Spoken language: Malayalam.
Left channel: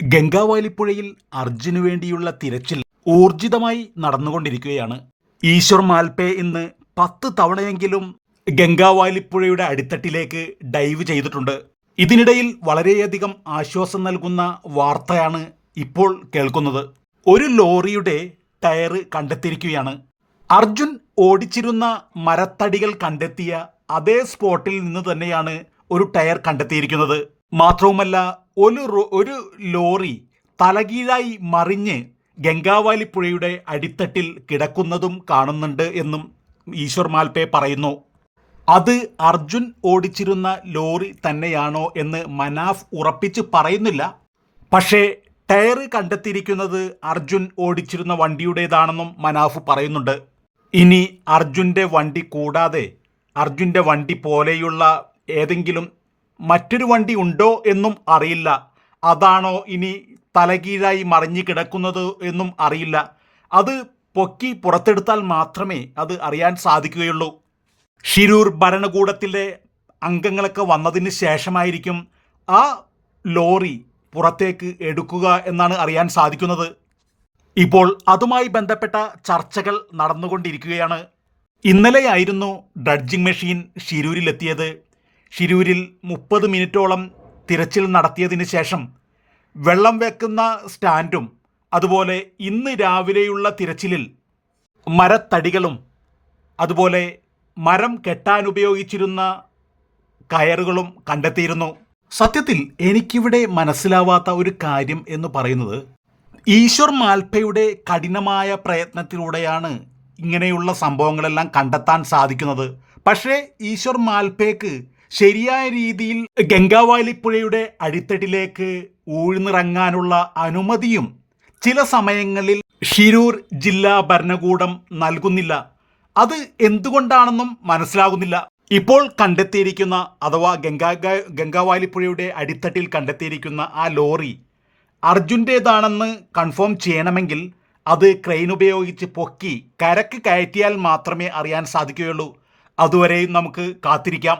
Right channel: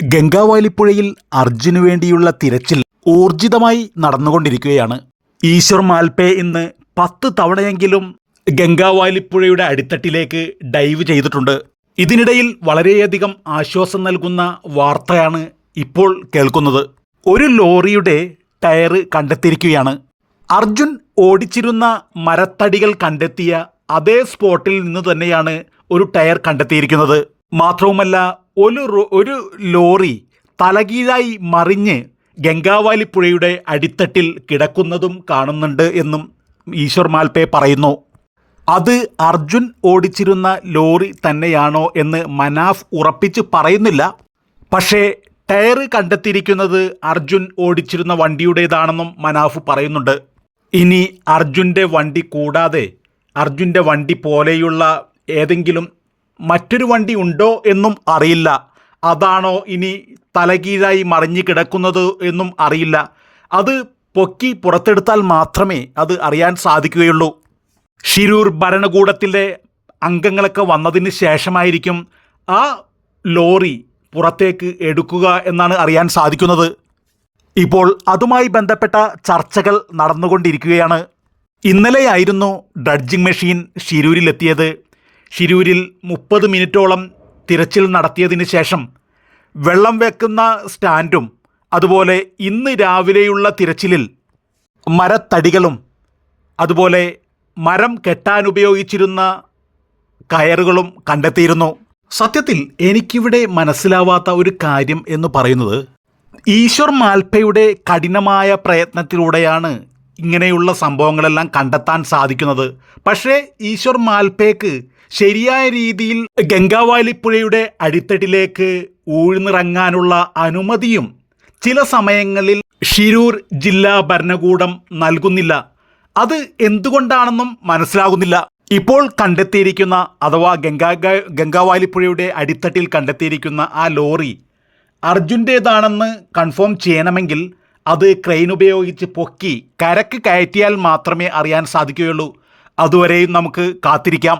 ഗംഗാവാലിപ്പുഴയിൽ അർജുനു വേണ്ടിയുള്ള തിരച്ചിൽ ഊർജിതമായി നടന്നുകൊണ്ടിരിക്കുകയാണ്. ഈശ്വർ മാൽപേ ഇന്ന് 10 തവണയെങ്കിലും ഗംഗാവാലിപ്പുഴയുടെ അടിത്തട്ടിലേക്ക് ഡൈവ് ചെയ്തിട്ടുണ്ട്. ഇതിനിടയിൽ വളരെയധികം ആശ്വാസം നൽകുന്ന വാർത്തയാണ് ഇപ്പോൾ കേൾക്കുന്നത്. ഒരു ലോറിയുടെ ടയർ കണ്ടെത്തിയിരിക്കുകയാണ്. അർജുൻ ഓടിച്ചിരുന്ന മരത്തടികൾ കണ്ടെത്തിയ അതേ സ്പോട്ടിൽ നിന്ന് തന്നെയാണ് ഒരു ടയർ കണ്ടെത്തിയിരിക്കുന്നത്. മാത്രവുമല്ല, ഒരു ലോറി തലകീഴായി മറിഞ്ഞ് ഗംഗാവാലിപ്പുഴയുടെ അടിത്തട്ടിൽ കിടക്കുന്നതും കാണുന്നുണ്ട് എന്നും ഈശ്വർ മാൽപേ പറയുന്നു. അത് അർജുൻ ഓടിച്ചിരുന്ന ലോറി തന്നെയാണോ എന്ന് മനാഫ് ഉറപ്പിച്ച് പറയുന്നില്ല. പക്ഷേ ടയർ കണ്ടെത്തിയിരിക്കുന്നത് അർജുൻ ഓടിച്ചിരുന്ന വണ്ടിയുടേതാണെന്നും മനാഫ് പറയുന്നുണ്ട്. ഇനി അർജുൻ്റെ വണ്ടി കൂടാതെ അർജുൻ്റെ വണ്ടി പോലെയുള്ള ഏതെങ്കിലും മറ്റൊരു വണ്ടി ഉണ്ടോ എന്നും അറിയില്ല. അതാണോ ഇനി തലകീഴായി മറിഞ്ഞു കിടക്കുന്നത് എന്നും അറിയില്ല. അത് പൊക്കി പുറത്തെടുത്താൽ മാത്രമേ അത് അറിയാൻ സാധിക്കുകയുള്ളൂ. ഷിരൂർ ഭരണകൂടത്തിലെ അംഗങ്ങളൊക്കെ വന്നതിന് ശേഷമായിരിക്കും ആ ലോറി പുറത്തേക്ക് എടുക്കുക എന്നാണ് അറിയാൻ സാധിക്കുന്നത്. ഇപ്പോൾ അതുമായി ബന്ധപ്പെട്ട ചർച്ചകൾ നടന്നുകൊണ്ടിരിക്കുകയാണ്. ഇന്നലെയായിരുന്നു ഡ്രഡ്ജിംഗ് മെഷീൻ ഷിരൂരിലെത്തിയത്. ഷിരൂരിൽ 30 മിനിറ്റോളം തിരച്ചിൽ നടത്തിയതിന് ശേഷം വെള്ളം വെക്കുന്ന സ്റ്റാൻഡും അതുപോലെ ഇന്ന് രാവിലെയുള്ള തിരച്ചിലിൽ മരത്തടികളും അതുപോലെ മരം കെട്ടാനുപയോഗിച്ചിരുന്ന കയറുകളും കണ്ടെത്തിയിരുന്നു. സത്യത്തിൽ എനിക്കിവിടെ മനസ്സിലാവാത്ത ഒരു കാര്യം എന്ന് പറയുന്നത്, ഈശ്വർ മാൽപയുടെ കഠിനമായ പ്രയത്നത്തിലൂടെയാണ് ഇങ്ങനെയുള്ള സംഭവങ്ങളെല്ലാം കണ്ടെത്താൻ സാധിക്കുന്നത്. പക്ഷേ ഈശ്വർ മാൽപേക്ക് ശരിയായ രീതിയിൽ ഗംഗാവാലിപ്പുഴയുടെ അടിത്തട്ടിലേക്ക് ഊഴ്ന്നിറങ്ങാനുള്ള അനുമതിയും ചില സമയങ്ങളിൽ ഷിരൂർ ജില്ലാ ഭരണകൂടം നൽകുന്നില്ല. അത് എന്തുകൊണ്ടാണെന്നും മനസ്സിലാകുന്നില്ല. ഇപ്പോൾ കണ്ടെത്തിയിരിക്കുന്ന അഥവാ ഗംഗാവാലിപ്പുഴയുടെ അടിത്തട്ടിൽ കണ്ടെത്തിയിരിക്കുന്ന ആ ലോറി അർജുൻ്റേതാണെന്ന് കൺഫേം ചെയ്യണമെങ്കിൽ അത് ക്രെയിൻ ഉപയോഗിച്ച് പൊക്കി കരക്ക് കയറ്റിയാൽ മാത്രമേ അറിയാൻ സാധിക്കുകയുള്ളൂ. അതുവരെയും നമുക്ക് കാത്തിരിക്കാം.